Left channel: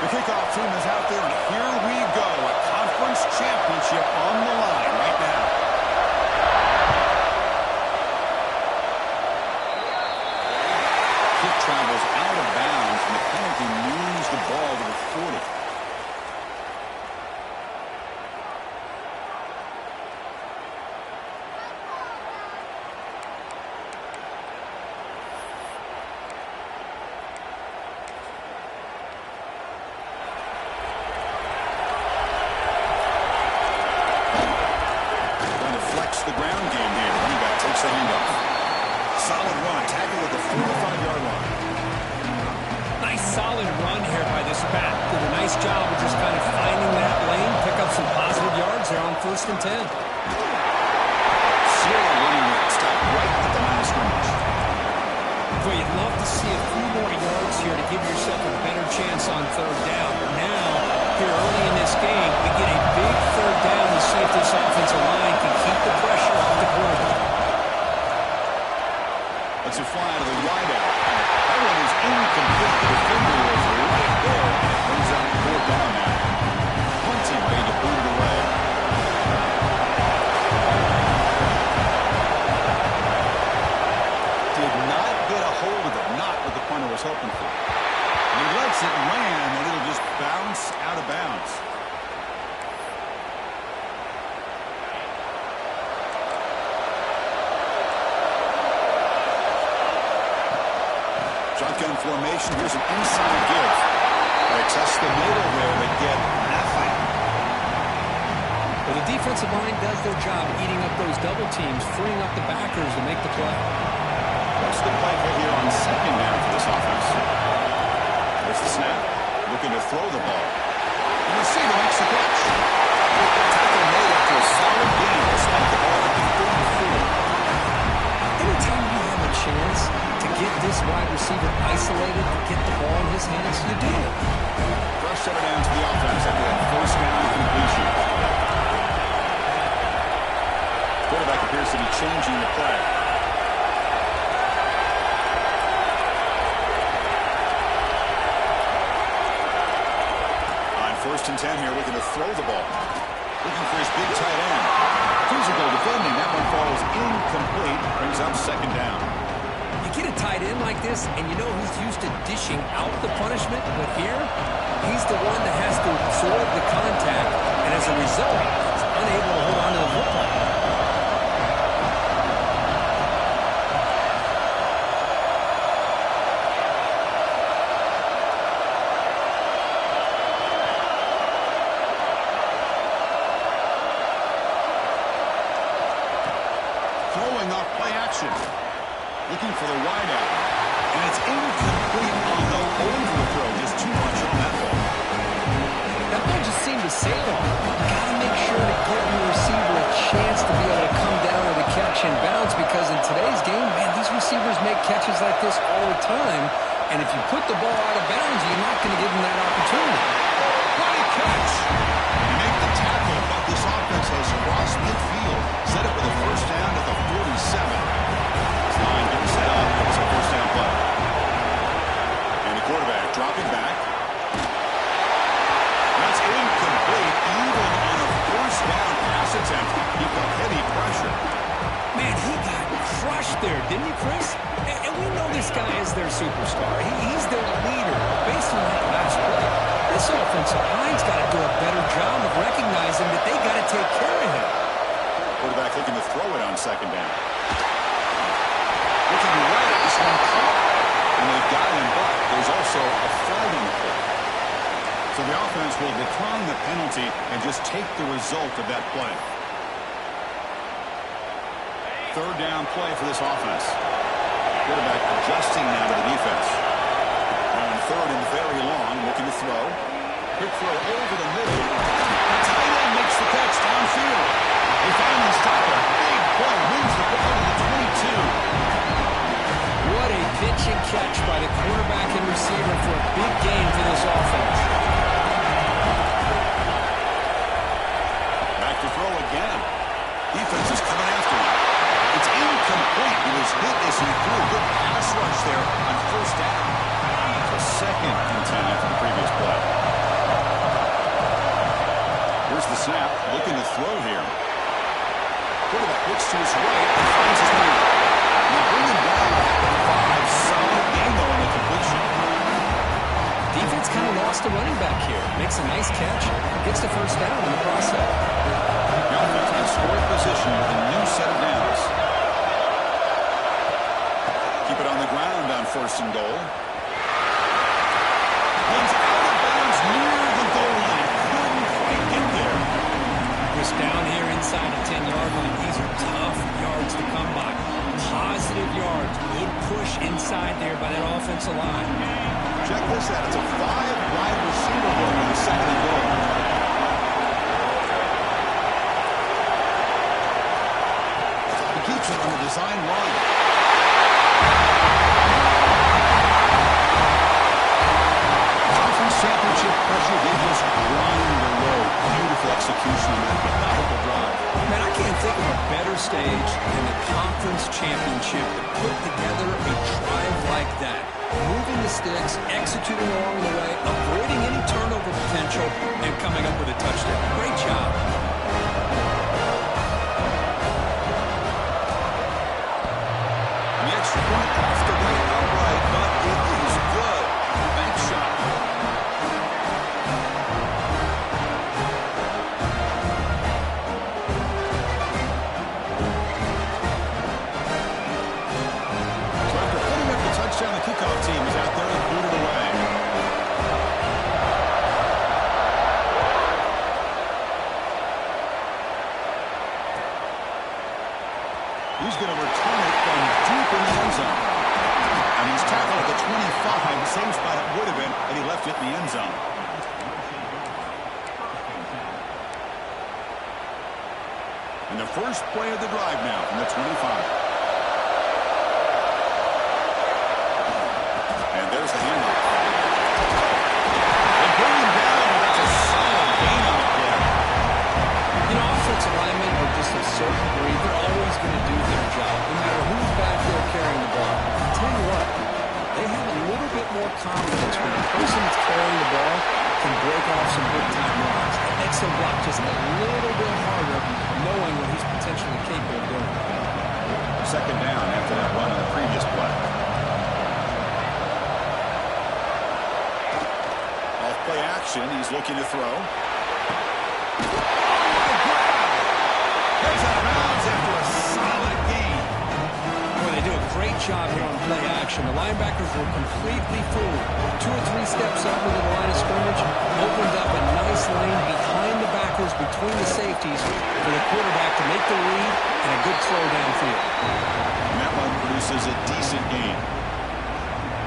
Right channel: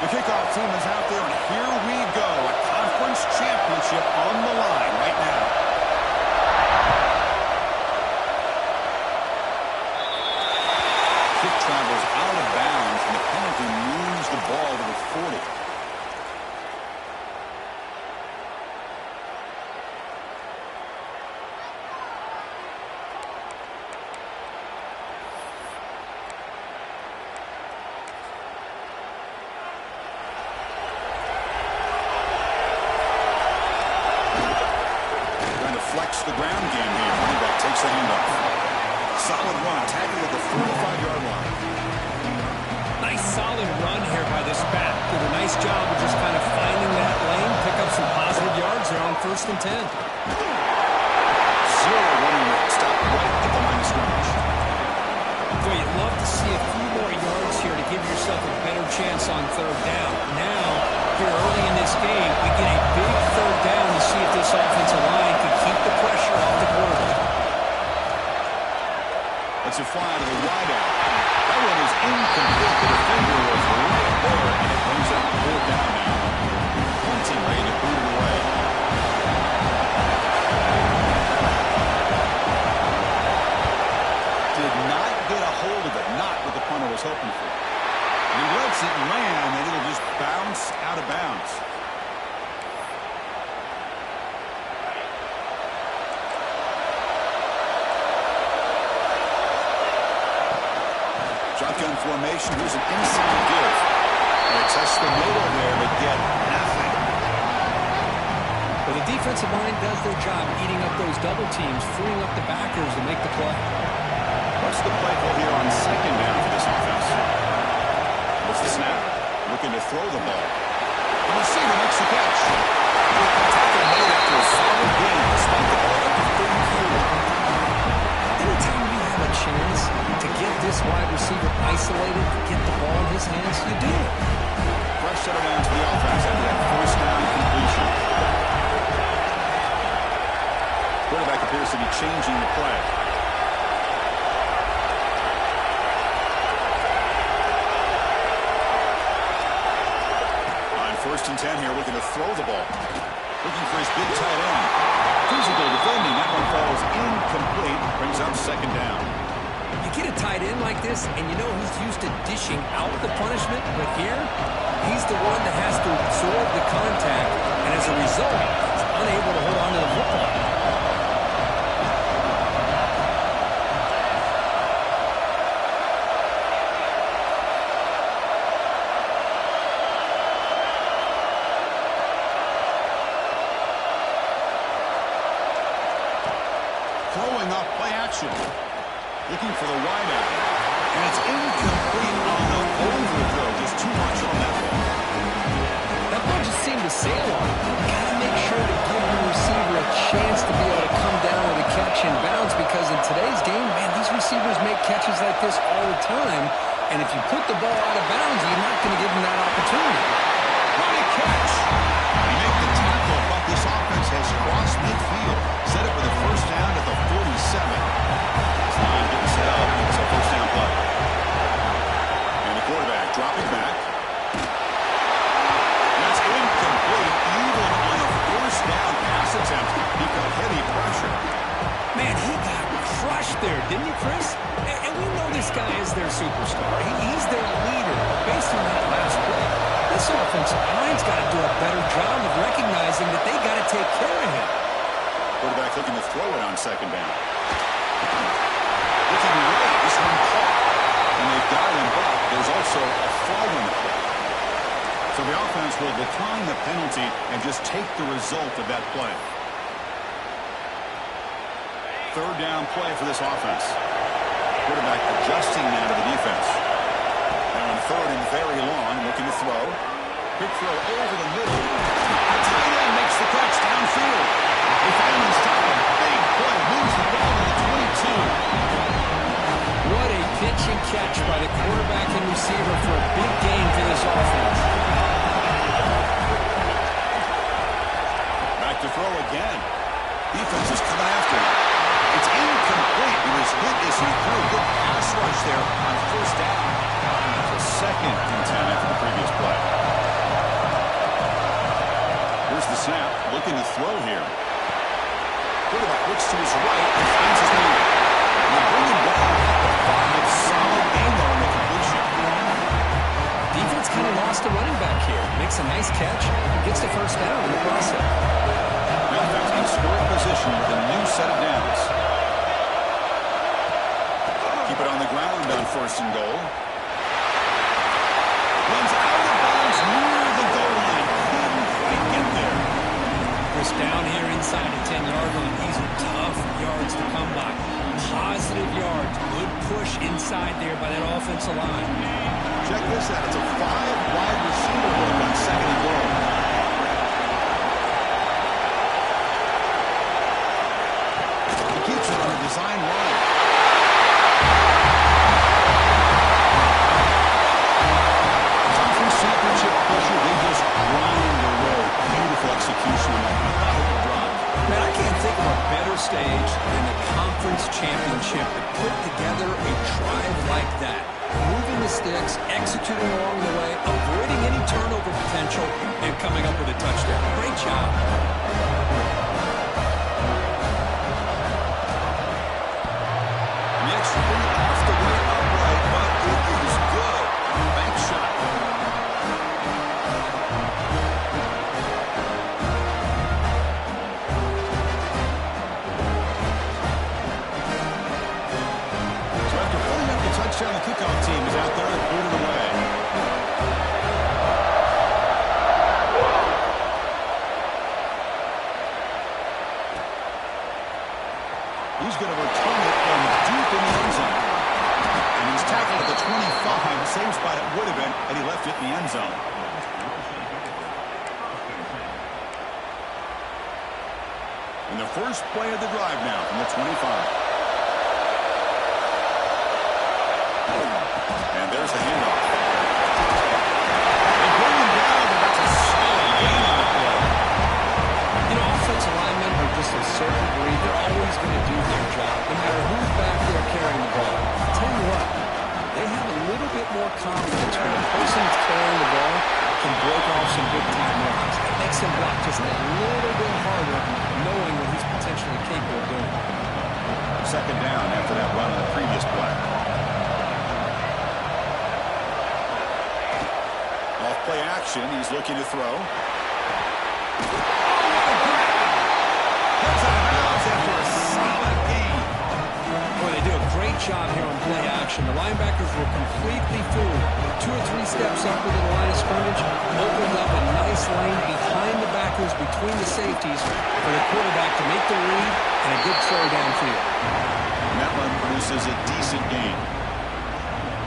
The kickoff team is out there, and here we go. A conference championship on the line right now. Kick travels out of bounds, and the penalty moves the ball to the 40. Flex the ground game here. Running back takes the handoff. Solid run. Tackle at the 45-yard line. Nice solid run here by this back. Did a nice job of just kind of finding that lane, pick up some positive yards there on 1st and 10. Zero running rate. Stop right at the line of scrimmage. Boy, you'd love to see a few more yards here to give yourself a better chance on 3rd down. Now, here early in this game, we get a big 3rd down to see if this offensive line can keep the pressure off the quarterback. Let's it fly to the wideout. That one is incomplete. The defender was right there, and it brings up 4th down now. Punting ready to boot it away. Did not get a hold of it. Not what the punter was hoping for. And he lets it land, and it'll just bounce out of bounds. Shotgun formation. Here's an inside give. They test the middle there, but get nothing. Well, the defensive line does their job eating up those double teams, freeing up the backers to make the play. What's the play call here on 2nd down for this offense? There's the snap. Looking to throw the ball. The receiver makes the catch. Tackle made after a solid gain. Will spot the ball at the 34. Anytime you have a chance to get this wide receiver isolated, to get the ball in his hands, you do it. Fresh setter down to the offense after that 1st down completion. Quarterback appears to be changing the play. On 1st and 10 here, looking to throw the ball. Looking for his big tight end. Physical defending. That one falls incomplete. Brings up 2nd down. You get a tight end like this, and you know he's used to dishing out the punishment, but here, he's the one that has to absorb the contact, and as a result, he's unable to hold on to the football. Throwing off play action. Looking for the wideout. And it's incomplete on the overthrow. Just too much on that ball. That ball just seemed to sail on. You got to make sure to give your receiver a chance to be able to come down with a catch and bounce, because in today's game, man, these receivers make catches like this all the time. And if you put the ball out of bounds, you're not going to give them that opportunity. Great catch. He made the tackle, but this offense has crossed midfield. Set up for the 1st down at the 47. This line getting set up. It's a 1st down play. And the quarterback dropping back. That's incomplete. Even on a 1st down pass attempt, he felt heavy pressure. Man, he got crushed there, didn't he, Chris? And we know this guy is their superstar. He's their leader. Based on that last play, this offensive line's got to do a better job of recognizing that they got to take care of him. Quarterback looking to throw it on 2nd down. Looking right, this one caught. And they've got him, but there's also a flag on the play. So the offense will decline the penalty and just take the result of that play. 3rd down play for this offense. Quarterback adjusting now to the defense. Now in 3rd and very long, looking to throw. Quick throw over the middle. A tight end makes the catch downfield. They finally stop him. Big play. Moves the ball to the 22. What a pitch and catch by the quarterback and receiver for a big gain for this offense. Back to throw again. Defense is coming after him. It's incomplete. He was hit as he threw. Good pass rush there on 1st down. So 2nd and 10 after the previous play. Here's the snap, looking to throw here. Quarterback looks to his right and finds his man. And they bring him down at the 5. Solid game, though, in the completion. Defense kind of lost the running back here. Makes a nice catch and gets the first down in the process. The offense in scoring position with a new set of downs. Keep it on the ground on 1st and goal. Runs out of bounds near the goal line. Couldn't quite get there. Chris, down here inside the 10-yard line, these are tough yards to come by. Positive yards. Good push inside there by that offensive line. Check this out. It's a 5-wide receiver look on 2nd and goal. He keeps it on a design run. Conference championship pressure, they just grind away. Beautiful execution on that methodical drive. Man, I can't think of a better stage than the conference championship to put together a drive like that. Moving the sticks, executing along the way, avoiding any turnover potential, and coming up with a touchdown. Great job. And the extra point off the right upright, but it is good. Bank shot. Touchdown, the kickoff team is out there and booted away. He's going to return it from deep in the end zone. And he's tackled at the 25, same spot it would have been had he left it in the end zone. And the first play of the drive now from the 25. And there's the handoff. They bring him down, but that's a solid gain on the play. You know, offensive linemen are just a certain breed. They're always going to do their job, no matter who's back there carrying the ball. I'll tell you what, they have a little bit more confidence when the person that's carrying the ball can break off some big-time runs. It makes them block just a little bit harder, knowing what he's potentially capable of doing. 2nd down after that run on the previous play. Off-play action, he's looking to throw. Oh, what a grab! Heads out of bounds after a solid gain. Boy, they do a great job here on play action. The linebackers were completely fooled. 2 or 3 steps up into the line of scrimmage, opened up a nice lane behind the backers, between the safeties, for the quarterback to make the read and a good throw downfield. And that one produces a decent gain.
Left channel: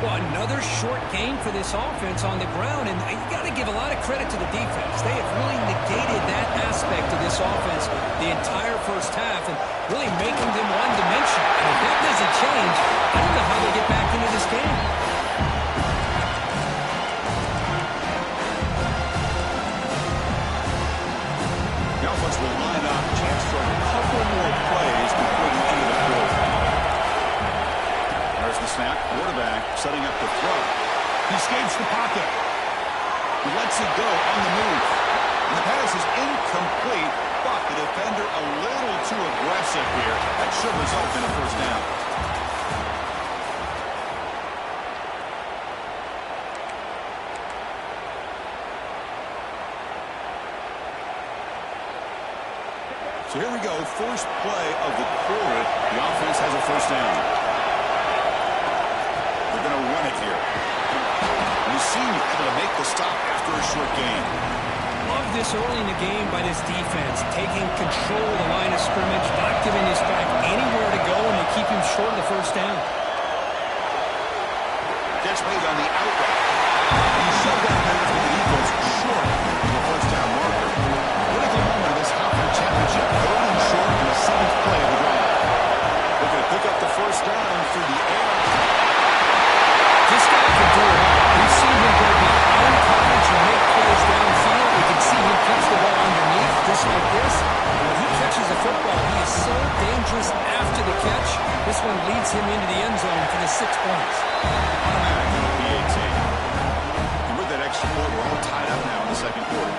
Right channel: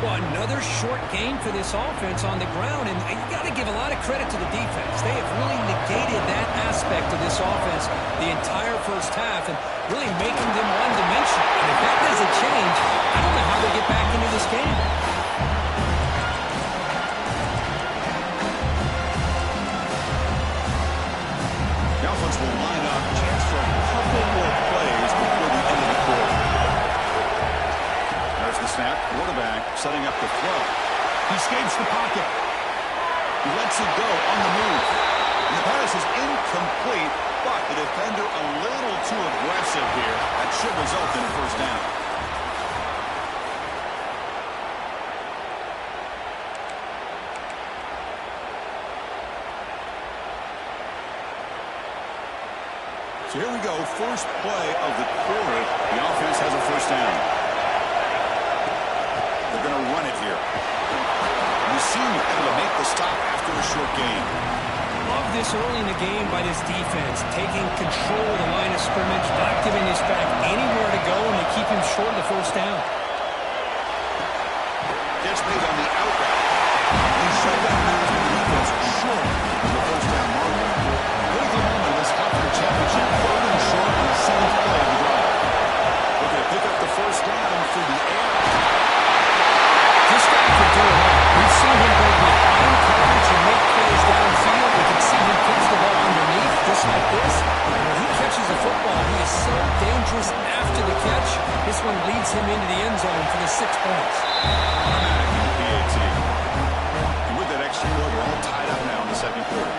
Well, another short gain for this offense on the ground, and you got to give a lot of credit to the defense. They have really negated that aspect of this offense the entire first half and really making them one-dimensional. And if that doesn't change, I don't know how they get back into this game. The offense will line up, chance for a couple more plays before the end of the quarter. There's the snap. Quarterback setting up the throw. He escapes the pocket. He lets it go on the move. And the pass is incomplete, but the defender a little too aggressive here. That should result in a first down. So here we go. First play of the quarter. The offense has a first down. They're going to run it here. And the senior able to make the stop after a short gain. Love this early in the game by this defense, taking control of the line of scrimmage, not giving this back anywhere to go, and they keep him short of the first down. Catch made on the out route. He shut down pass with the defense short of the first down marker. Critical moment of this conference championship. 3rd and short on the 7th play of the drive. Looking to pick up the first down through the air. This guy can do it all. We've seen him go behind coverage and make plays downfield. We can see him catch the ball underneath, just like this. And when he catches a football, he is so dangerous after the catch. This one leads him into the end zone for the 6 points. Automatic in the PAT. And with that tech support. We're all tied up now in the second quarter.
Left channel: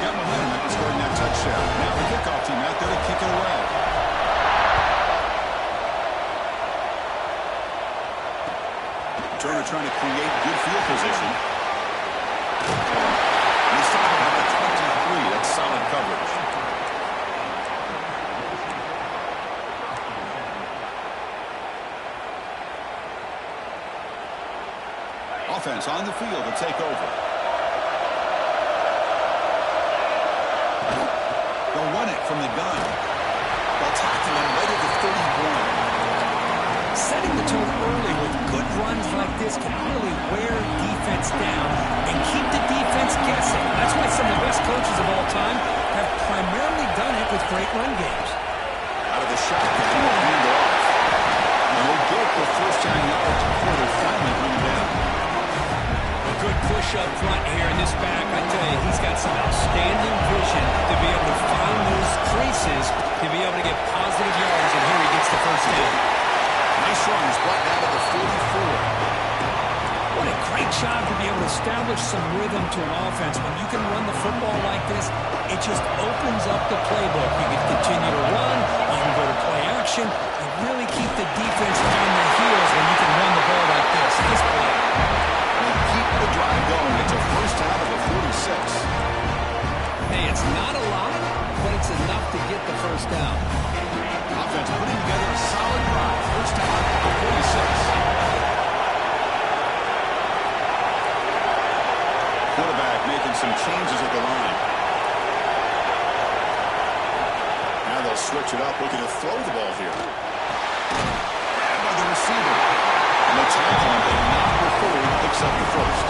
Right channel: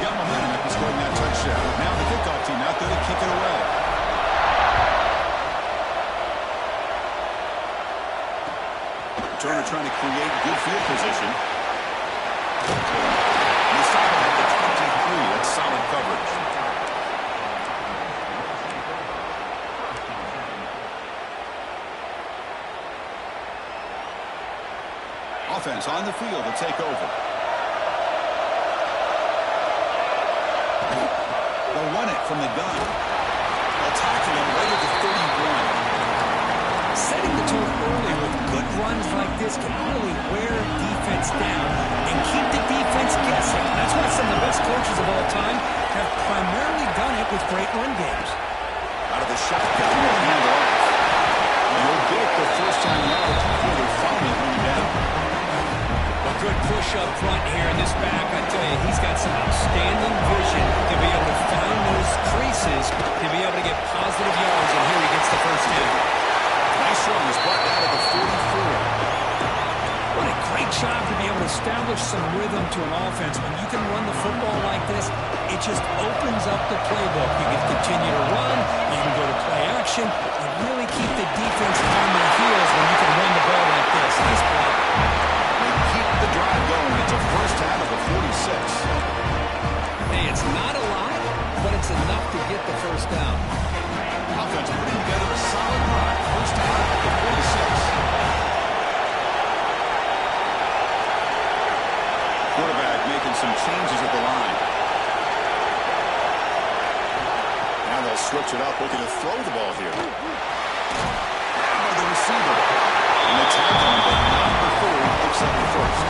Got momentum after scoring that touchdown. Now the kickoff team out there to kick it away. Turner trying to create good field position. And they stop him at the 23. That's solid coverage. Offense on the field to take over. They'll run it from the gun. They'll tackle him right at the 31. Setting the tone early with good runs like this can really wear defense down and keep the defense guessing. That's why some of the best coaches of all time have primarily done it with great run games. Out of the shotgun, they'll hand it off. And they'll get the first down yards before they finally bring him down. A good push up front here in this back. I tell you, he's got some outstanding vision to be able to find those creases, to be able to get positive yards, and here he gets the first down. Nice run. He's brought down to the 44. What a great job to be able to establish some rhythm to an offense. When you can run the football like this, it just opens up the playbook. You can continue to run, you can go to play action, and really keep the defense on their heels when you can run the ball like this. Nice play. They keep the drive going. It's a first down of the 46. Hey, it's not a lot, but it's enough to get the first down. Offense putting together a solid drive. First down at the 46. Quarterback making some changes at the line. Now they'll switch it up, looking to throw the ball here. Grabbed by the receiver. And they tackle him, but not before he picks up the first.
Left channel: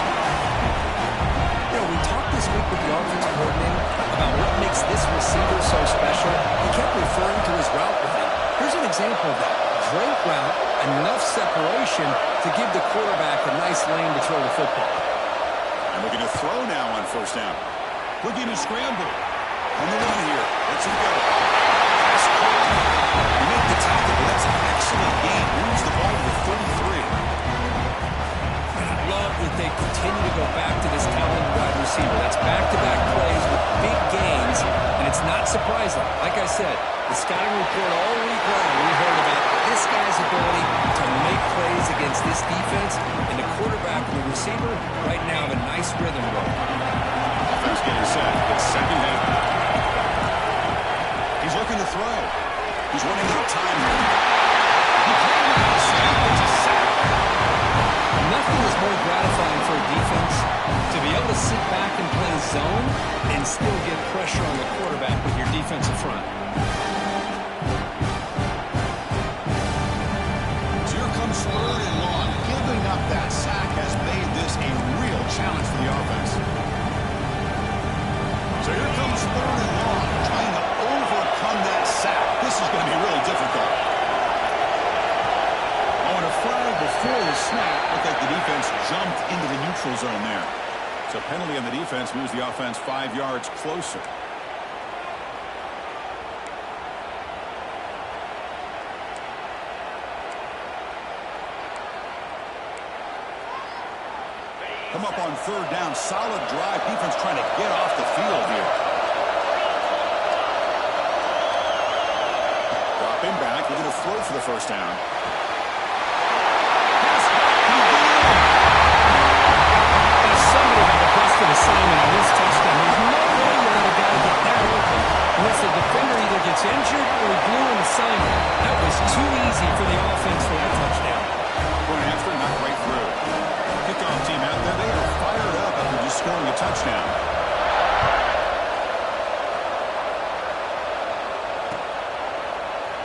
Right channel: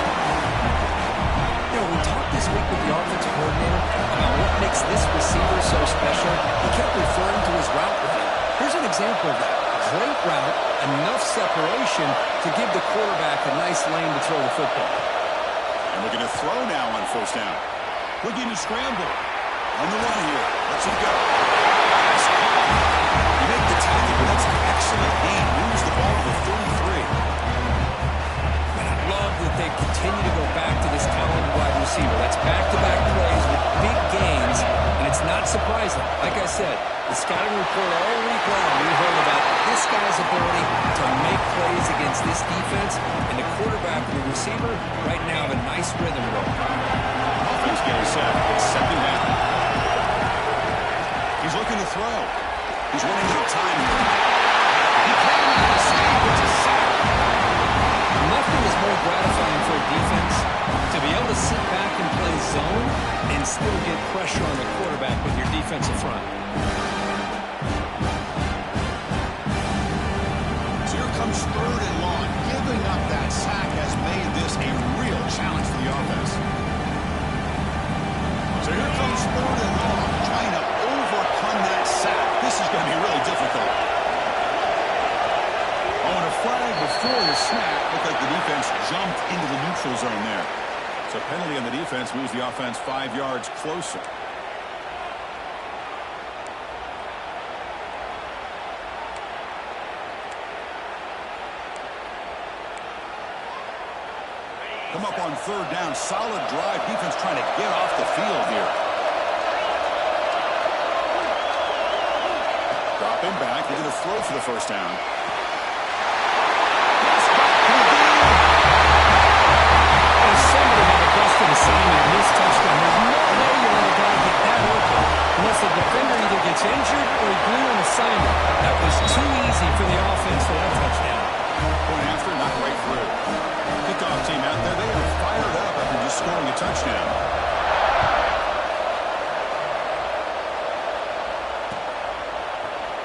You know, we talked this week with the offensive coordinator about what makes this receiver so special. He kept referring to his route running. Here's an example of that. Great route, enough separation to give the quarterback a nice lane to throw the football. And looking to throw now on first down. Looking to scramble. On the run here. Let's him go. Pass caught. You make the tackle, but that's an excellent gain. Moves the ball to the 33. Love that they continue to go back to this talented wide receiver. That's back-to-back plays with big gains, and it's not surprising. Like I said, the scouting report all week long, we heard about this guy's ability to make plays against this defense, and the quarterback and the receiver right now have a nice rhythm going. Offense getting set. It's second down. He's looking to throw. He's running out of time here. He can't make a mistake. It's a sack. Nothing is more gratifying for a defense to be able to sit back and play zone and still get pressure on the quarterback with your defensive front. So here comes third and long. Giving up that sack has made this a real challenge for the offense. So here comes third and long, trying to overcome that sack. This is going to be really difficult. On a flag before the snap, looked like the defense jumped into the neutral zone there. So penalty on the defense moves the offense 5 yards closer. Come up on third down, solid drive. Defense trying to get off the field here. Dropping back, he's going to throw for the first down. Somebody had a busted assignment in this touchdown. There's no way you let a guy get that open unless the defender either gets injured or he blew an assignment. That was too easy for the offense for that touchdown. Going after, not right through. Kickoff team out there, they are fired up after just scoring a touchdown.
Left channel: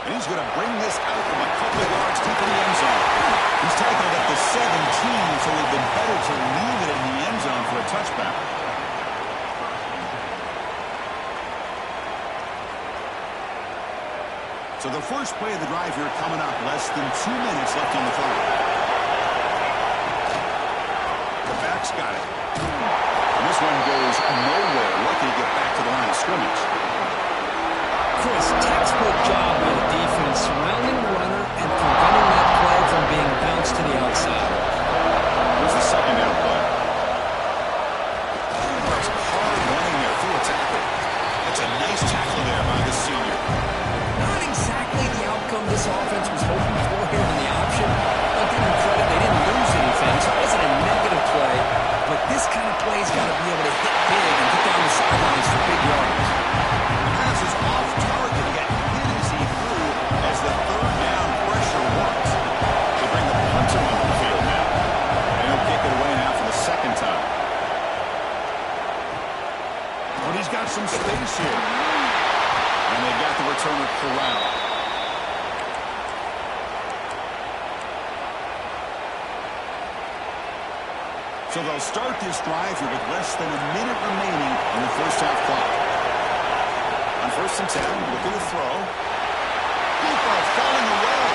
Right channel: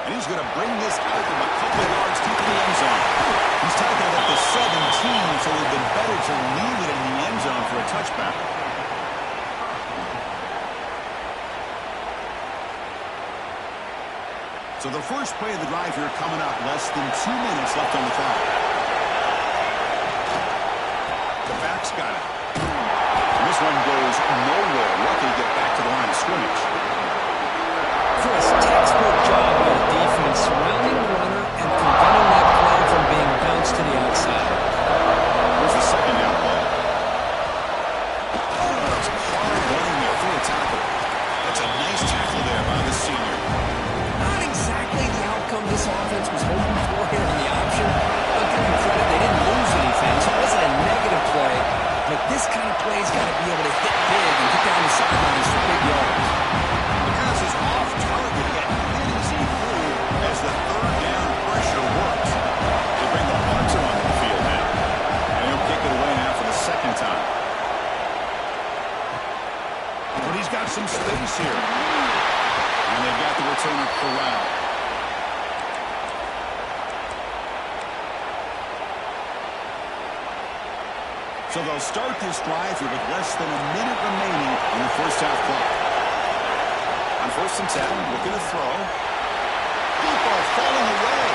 And he's going to bring this out from a couple of yards deep in the end zone. He's tackled at the 17, so it would have been better to leave it in the end zone for a touchback. So the first play of the drive here coming up, less than 2 minutes left on the clock. The back's got it. And this one goes nowhere. Lucky to get back to the line of scrimmage. Chris, textbook job by the defense surrounding the runner and preventing that play from being bounced to the outside. Here's the second down play. That's hard running there through a tackle. That's a nice tackle there by the senior. Not exactly the outcome this offense was hoping for here in the option. I'll give them credit. They didn't lose anything, so it wasn't a negative play. But this kind of play's got to be able to hit big and get down the sidelines for big yards. The pass is off target, yet hit as he threw as the third down pressure works. They bring the punter onto the field now. And he'll kick it away now for the second time. But he's got some space here. And they've got the returner corralled. So they'll start this drive here with less than a minute remaining on the first half clock. On 1st and 10, looking to throw. Deep ball falling away.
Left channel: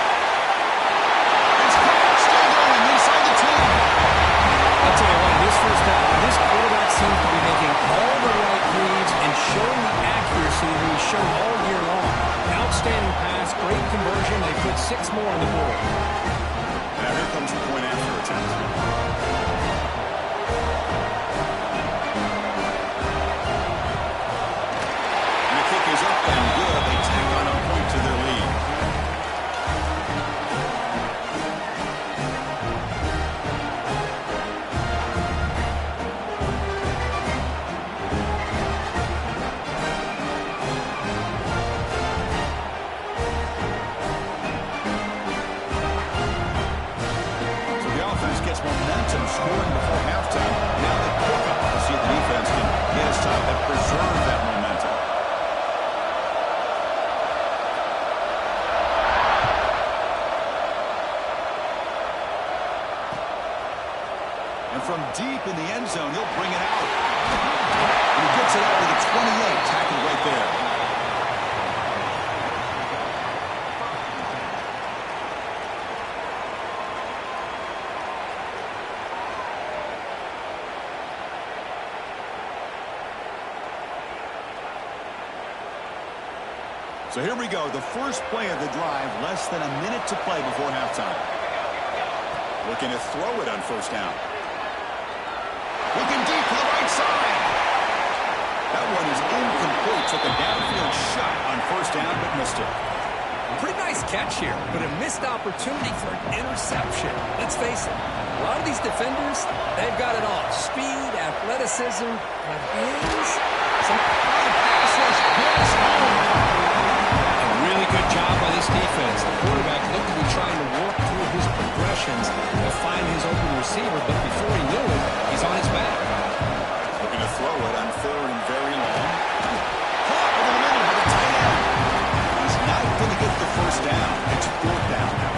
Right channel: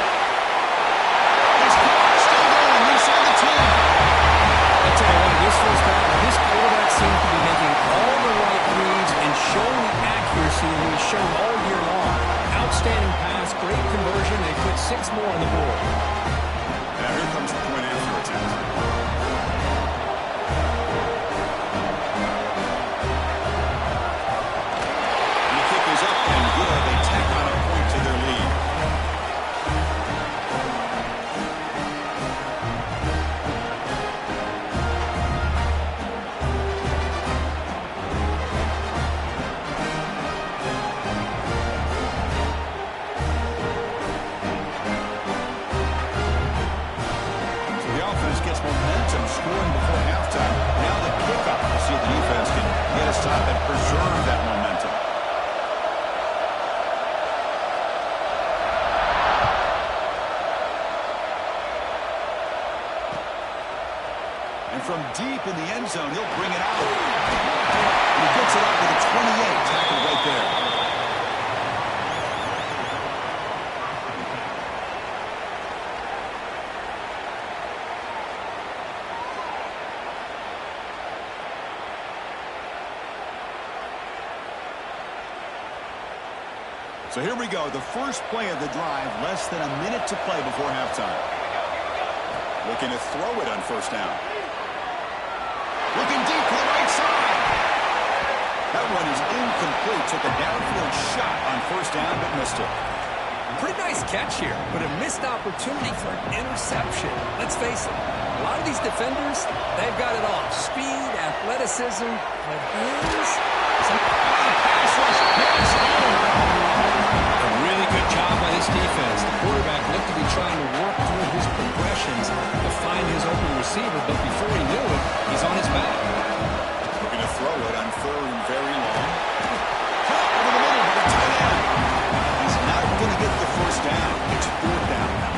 It's caught, still going inside the 10. I'll tell you what, this first half, this quarterback seems to be making all the right reads and showing the accuracy that he's shown all year long. Outstanding pass, great conversion. They put 6 more on the board. Now here comes the point after attempt. And the kick is up and good. They tack on a point to their lead. Gets momentum scoring before halftime. Now the kickoff. We'll see if the defense can get a stop and preserve that momentum. And from deep in the end zone, he'll bring it out. And he gets it out to the 28. Tackled right there. So here we go, the first play of the drive, less than a minute to play before halftime. Looking to throw it on 1st down. Looking deep to the right side. That one is incomplete. Took a downfield shot on 1st down, but missed it. Pretty nice catch here, but a missed opportunity for an interception. Let's face it, a lot of these defenders, they've got it all. Speed, athleticism, but some pass rush gets home. A really good job by this defense. The quarterback looked to be trying to work through his progressions to find his open receiver, but before he knew it, he's on his back. Looking to throw it on 3rd and very long. Caught over the middle by the tight end. He's not going to get the 1st down. It's 4th down now.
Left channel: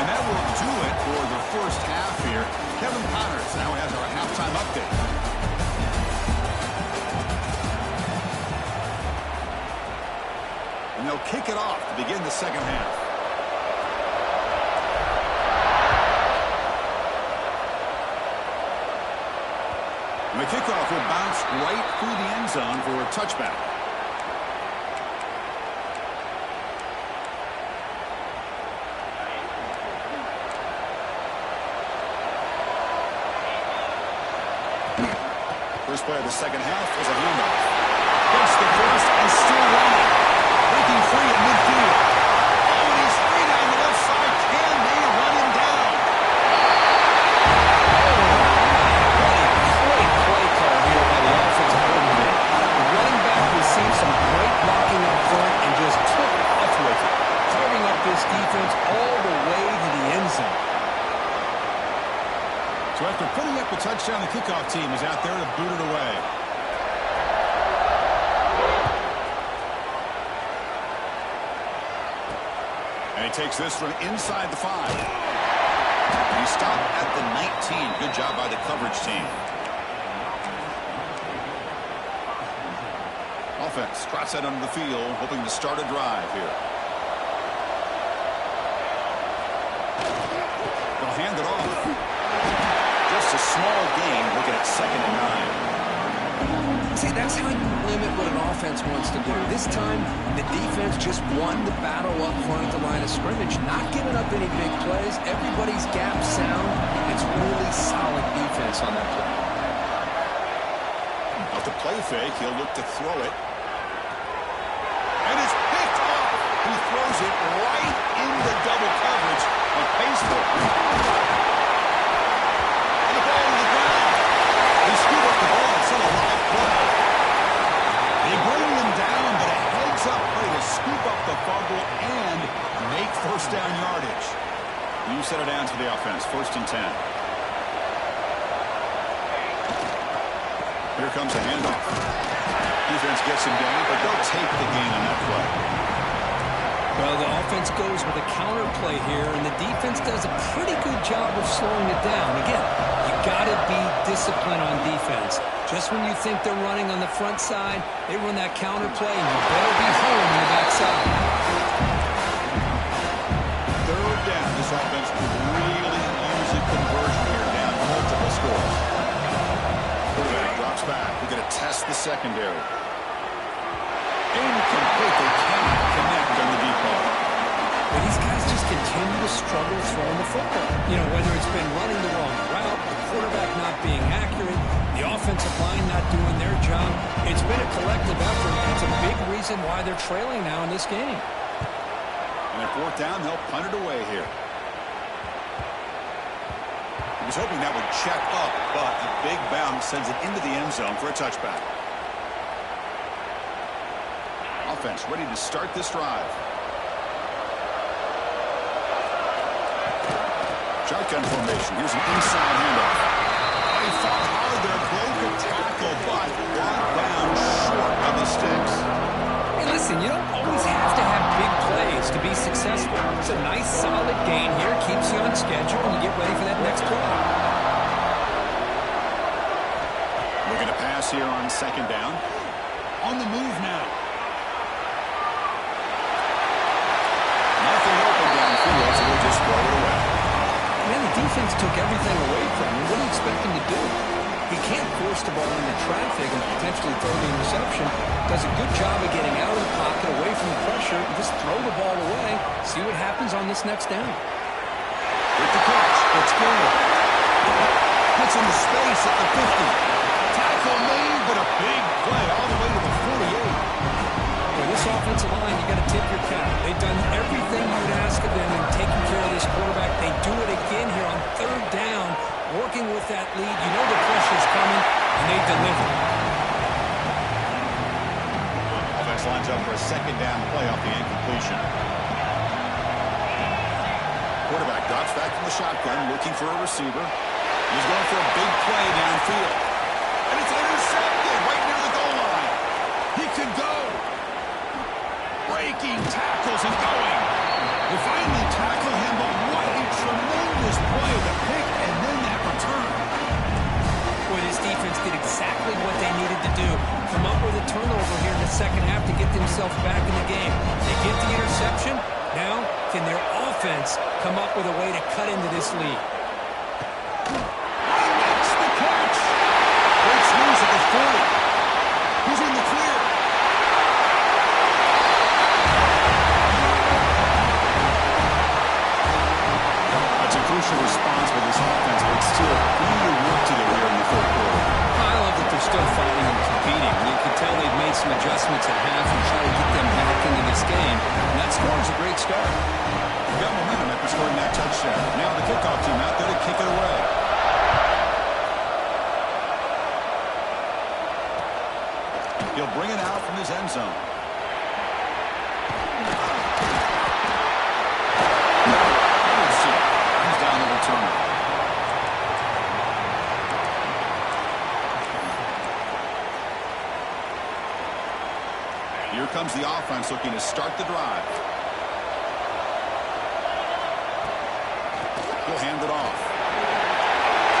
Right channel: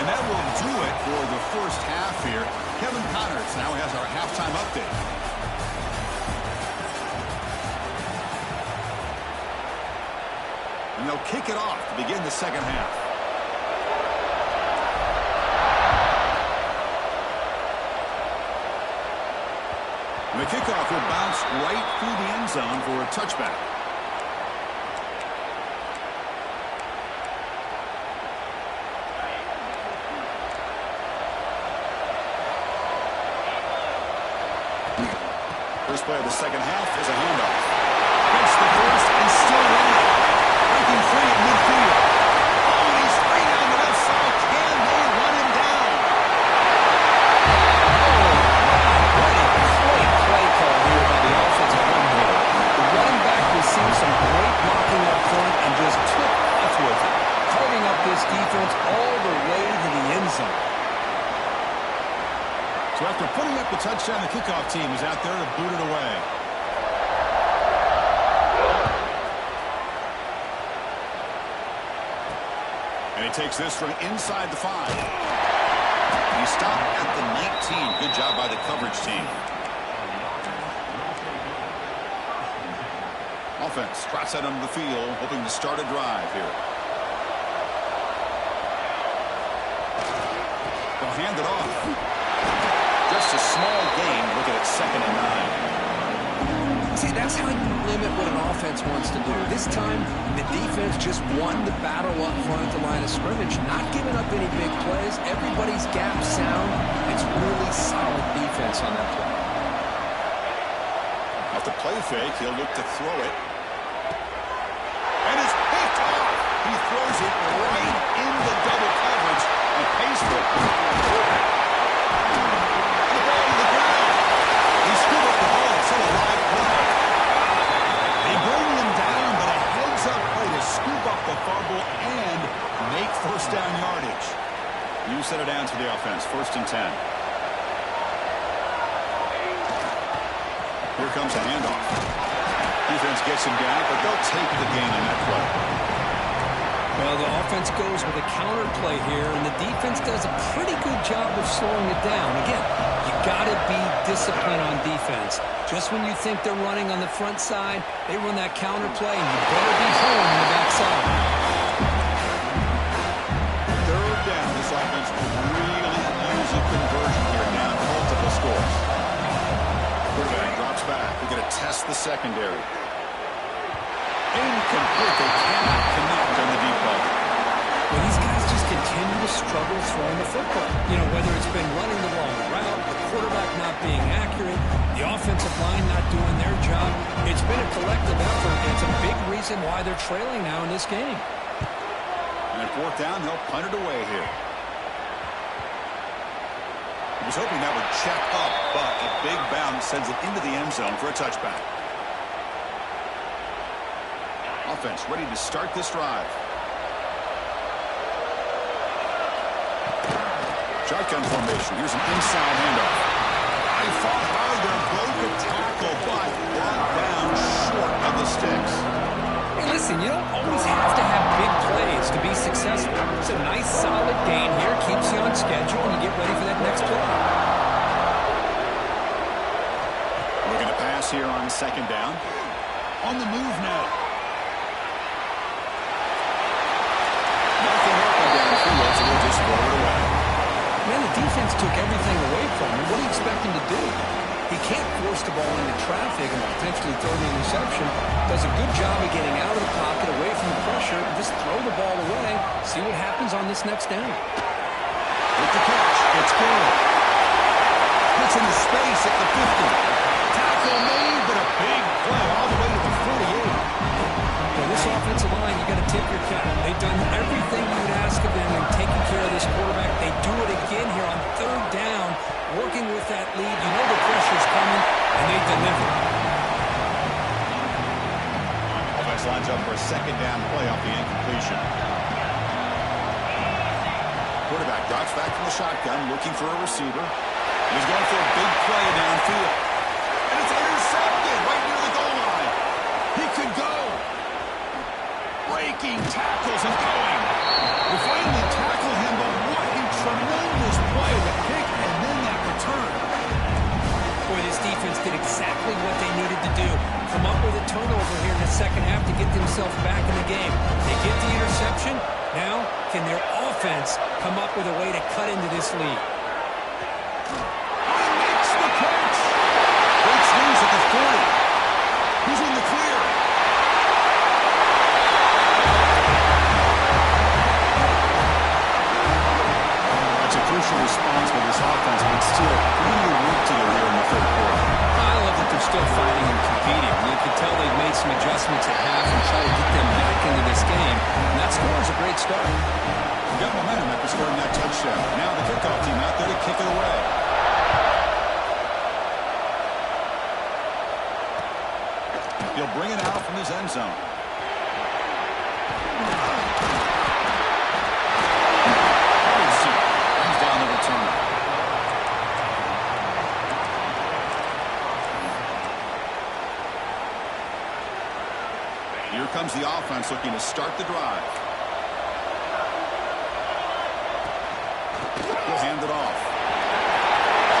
And that will do it for the first half here. Kevin Connors now has our halftime update. And they'll kick it off to begin the second half. And the kickoff will bounce right through the end zone for a touchback. First play of the second half is a handoff. Gets the first and still running. Breaking free at midfield. Oh, and he's free down the left side. Can they run him down? Oh, what a great play call here by the offensive coordinator. The running back received some great blocking up front and just took off with it, carving up this defense all the way to the end zone. So after putting up the touchdown, the kickoff team is out there to boot it away. And he takes this from inside the 5. He stopped at the 19. Good job by the coverage team. Offense trots out onto the field, hoping to start a drive here. They'll hand it off. Just a small gain, looking at 2nd and 9. See, that's how you limit what an offense wants to do. This time, the defense just won the battle up front at the line of scrimmage, not giving up any big plays. Everybody's gap sound. It's really solid defense on that play. Off the play fake, he'll look to throw it. And it's picked off. He throws it right into double coverage on pace for it. And the ball to the ground. They scoop up the ball. It's still a live play. They bring him down, but a heads-up play to scoop up the fumble and make first down yardage. You set it down to the offense. 1st and 10. Here comes a handoff. Defense gets him down, but they'll take the gain on that play. Well, the offense goes with a counter play here, and the defense does a pretty good job of slowing it down. Again, you got to be disciplined on defense. Just when you think they're running on the front side, they run that counter play, and you better be home on the backside. 3rd down. This offense could really use a conversion here, down multiple scores. Quarterback drops back. We're going to test the secondary. Incomplete. They cannot connect on the deep ball. Well, these guys just continue to struggle throwing the football. You know, whether it's been running the wrong route, the quarterback not being accurate, the offensive line not doing their job. It's been a collective effort, and it's a big reason why they're trailing now in this game. And at 4th down, they'll punt it away here. He was hoping that would check up, but a big bounce sends it into the end zone for a touchback. Offense ready to start this drive. Shotgun formation. Here's an inside handoff. They fought hard there, broke a tackle, but brought down short of the sticks. Hey, listen, you don't always have to have big plays to be successful. It's a nice, solid gain here. Keeps you on schedule, and you get ready for that next play. Looking to pass here on 2nd down. On the move now. Nothing open downfield, so we'll just throw it away. Man, the defense took everything away from him. What do you expect him to do? He can't force the ball into traffic and potentially throw the interception. Does a good job of getting out of the pocket, away from the pressure, and just throw the ball away. See what happens on this next down. With the catch, it's good. Gets into space at the 50. Tackle made, but a big play all the way to the 48. For this offensive line, you got to tip your cap. They've done everything you would ask of them in taking care of this quarterback. They do it again here on 3rd down, working with that lead. You know the pressure's coming, and they deliver. Offense lines up for a 2nd down play off the incompletion. Quarterback drops back from the shotgun, looking for a receiver. He's going for a big play downfield. And it's intercepted right near the goal line. He could go. Breaking tackles and going. They finally tackle him, but what a tremendous play. The pick and then that return. Boy, this defense did exactly what they needed to do. Come up with a turnover here in the 2nd half to get themselves back in the game. They get the interception. Now, can their offense come up with a way to cut into this lead? He makes the catch. Great swings at the 40. He's in the clear. That's a crucial response for this offense, but still plenty of work to do here in the 3rd quarter. I love that they're still fighting and competing. You can tell they've made some adjustments at half and try to get them back into this game. And that score is a great start. We've got momentum after scoring that touchdown. Now the kickoff team out there to kick it away. He'll bring it out from his end zone. Brings down the returner. Here comes the offense looking to start the drive. He'll hand it off.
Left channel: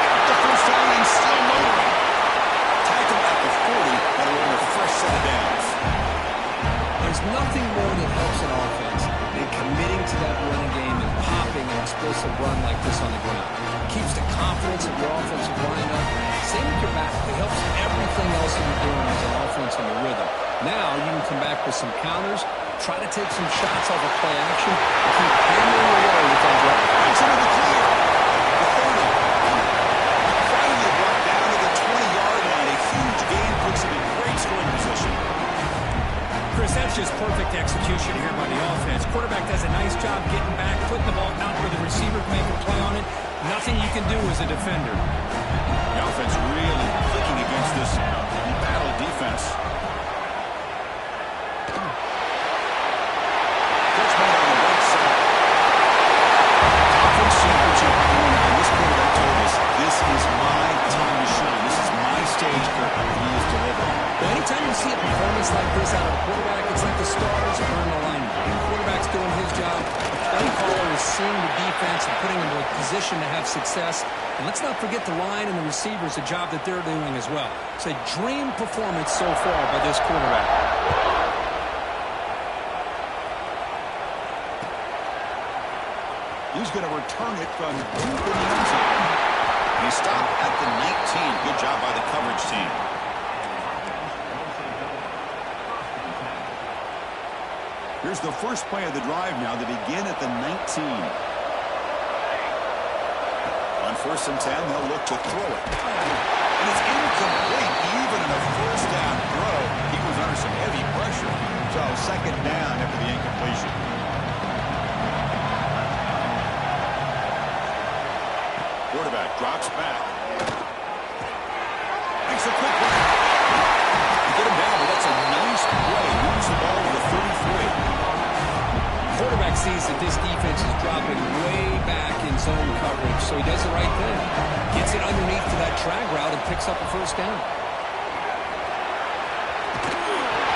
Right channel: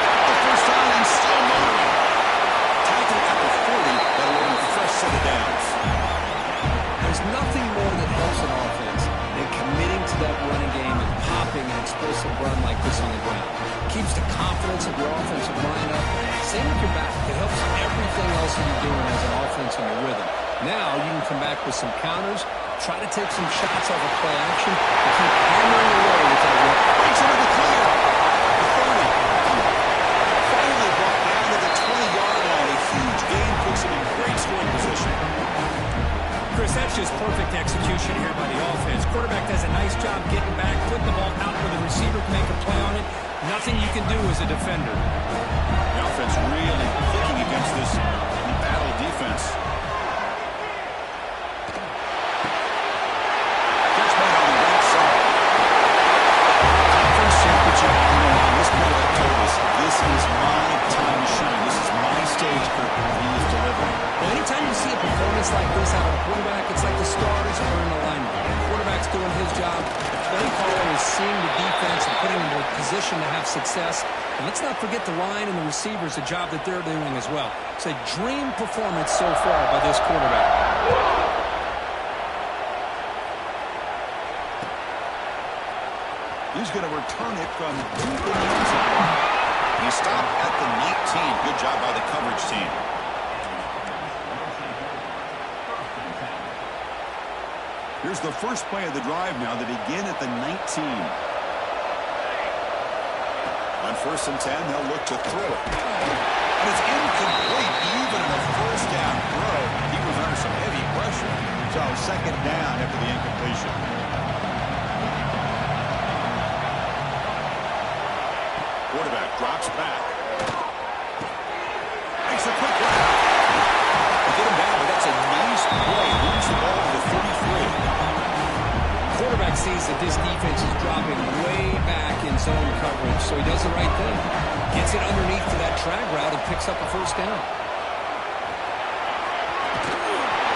Got the first down and still motoring. Tackle at the 40. That'll earn a fresh set of downs. There's nothing more that helps an offense than committing to that running game and popping an explosive run like this on the ground. keeps the confidence of your offensive line up. Same with your back. It helps everything else that you're doing as an offense in your rhythm. Now you can come back with some counters, try to take some shots off of play action, and keep hammering away with that rep. Breaks into the clear. The 30. Finally brought down to the 20-yard line. A huge gain puts him in great scoring position. Chris, that's just perfect execution here by the offense. Quarterback does a nice job getting back, putting the ball out where the receiver can make a play on it. Nothing you can do as a defender. The offense really clicking against this battle defense. Catch made on the right side. Conference championship on the line. This quarterback told us, this is my time to shine. This is my stage, Kirk. He is delivering. Well, anytime you see a performance like this out of a quarterback, it's like the stars are in alignment. The quarterback's doing his job. The play caller is seeing the defense and putting them in a position to have success. And let's not forget the line and the receivers, the job that they're doing as well. It's a dream performance so far by this quarterback. He's going to return it from deep in the end zone. He stopped at the 19. Good job by the coverage team. Here's the first play of the drive now. They begin at the 19. On 1st and 10, they'll look to throw it. And it's incomplete, even in a first down throw. He was under some heavy pressure. So 2nd down after the incompletion. Quarterback drops back. Makes a quick run. They get him down, but that's a nice play. Moves the ball to the 33. Quarterback sees that this defense is dropping way back in zone coverage, so he does the right thing. Gets it underneath to that drag route and picks up a first down.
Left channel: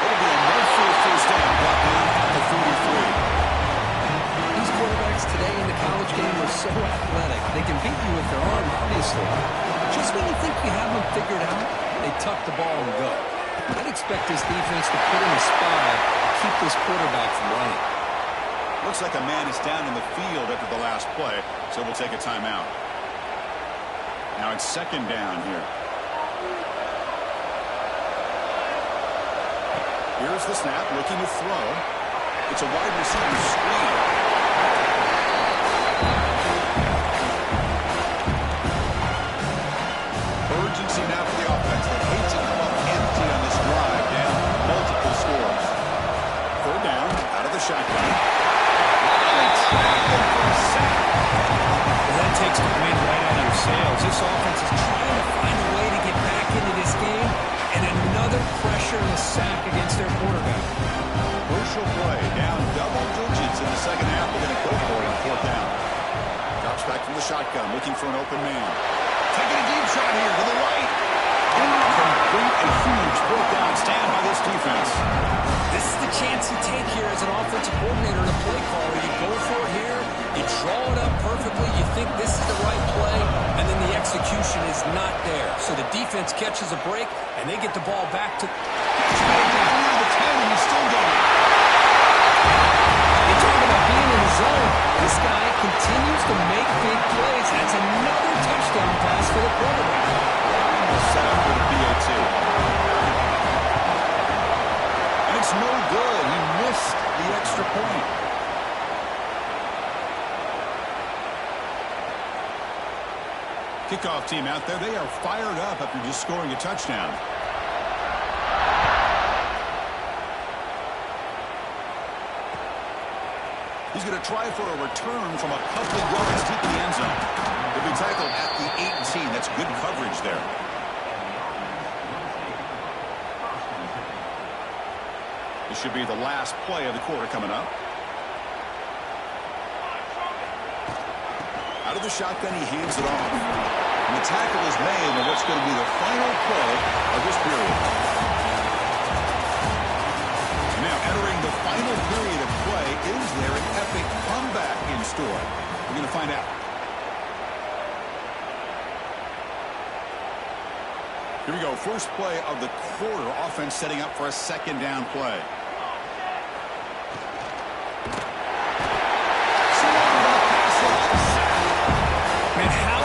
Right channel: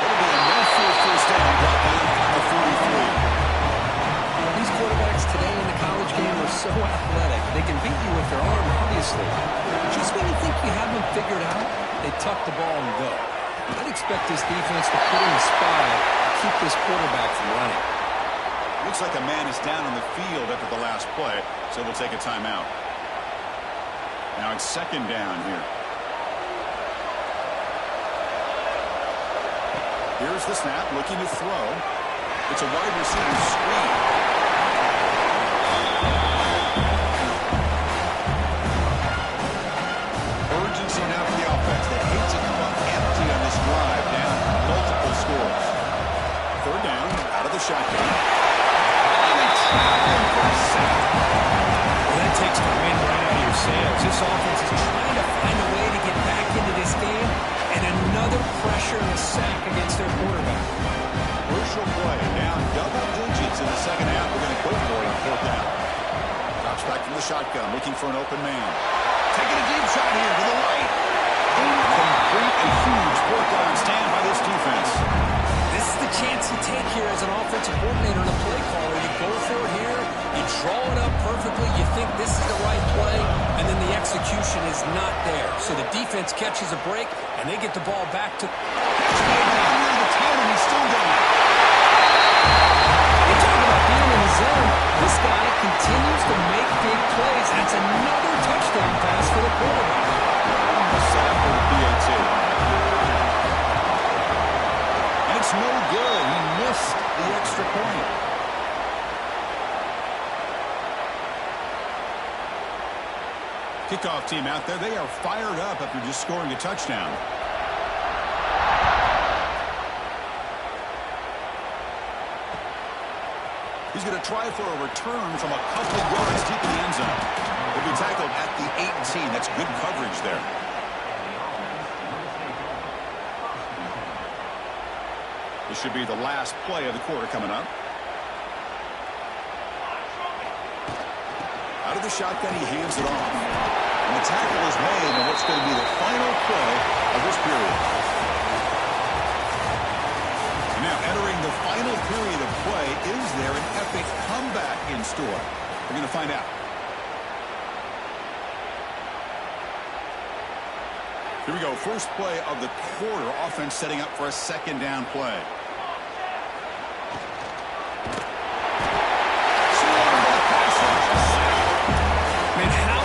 It'll be enough for a first down, brought down at the 43. These quarterbacks today in the college game are so athletic. They can beat you with their arm, obviously. Just when you think you have them figured out, they tuck the ball and go. I'd expect this defense to put in a spy and keep this quarterback from running. Looks like a man is down on the field after the last play, so we'll take a timeout. Now it's 2nd down here. Here's the snap, looking to throw. It's a wide receiver screen. Urgency now for the offense. They hate to come up empty on this drive, down multiple scores. 3rd down, out of the shotgun. They trap him for a sack. Well, that takes the wind right out of your sails. This offense is trying to find a way to get back into this game, and another pressure and a sack against their quarterback. Crucial play, down double digits in the 2nd half. They're going to go for it on 4th down. Drops back from the shotgun, looking for an open man. Taking a deep shot here to the right. Incomplete, a huge 4th down stand by this defense. This is the chance you take here as an offensive coordinator and a play caller. You go for it here, you draw it up perfectly, you think this is the right play, and then the execution is not there. So the defense catches a break, and they get the ball back to... Catch made down near the 10, and he's still going. You talk about being in the zone. This guy continues to make big plays. That's another touchdown pass for the quarterback. Almost set up for the PAT. And it's no good. He missed the extra point. Kickoff team out there. They are fired up after just scoring a touchdown. He's going to try for a return from a couple of yards deep in the end zone. He'll be tackled at the 18. That's good coverage there. This should be the last play of the quarter coming up. Out of the shotgun, he hands it off. And the tackle is made on what's going to be the final play of this period. And now entering the final period of play, is there an epic comeback in store? We're going to find out. Here we go. First play of the quarter. Offense setting up for a 2nd down play. Man, how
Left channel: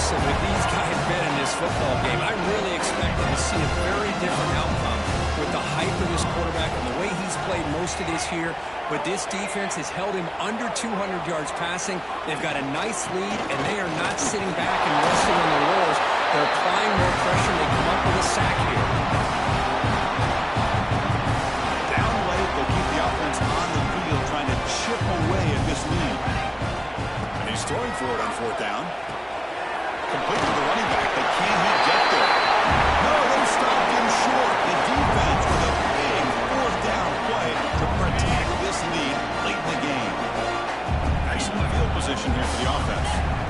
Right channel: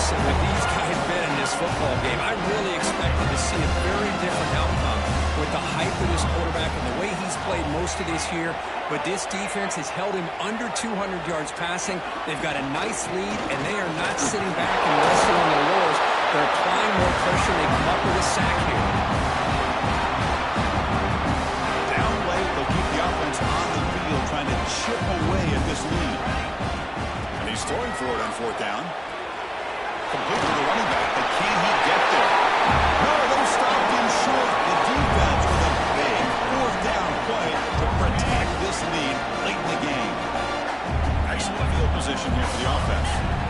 aggressive have these guys been in this football game? I really expected to see a very different outcome with the hype of this quarterback and the way he's played most of this year. But this defense has held him under 200 yards passing. They've got a nice lead, and they are not sitting back and resting on their laurels. They're applying more pressure, and they come up with a sack here. Down late, they'll keep the offense on the field, trying to chip away at this lead. And he's throwing for it on fourth down. Complete to the running back, but can he get there? No, they stopped him short. The defense with a big fourth down play to protect this lead late in the game. Excellent field position here for the offense.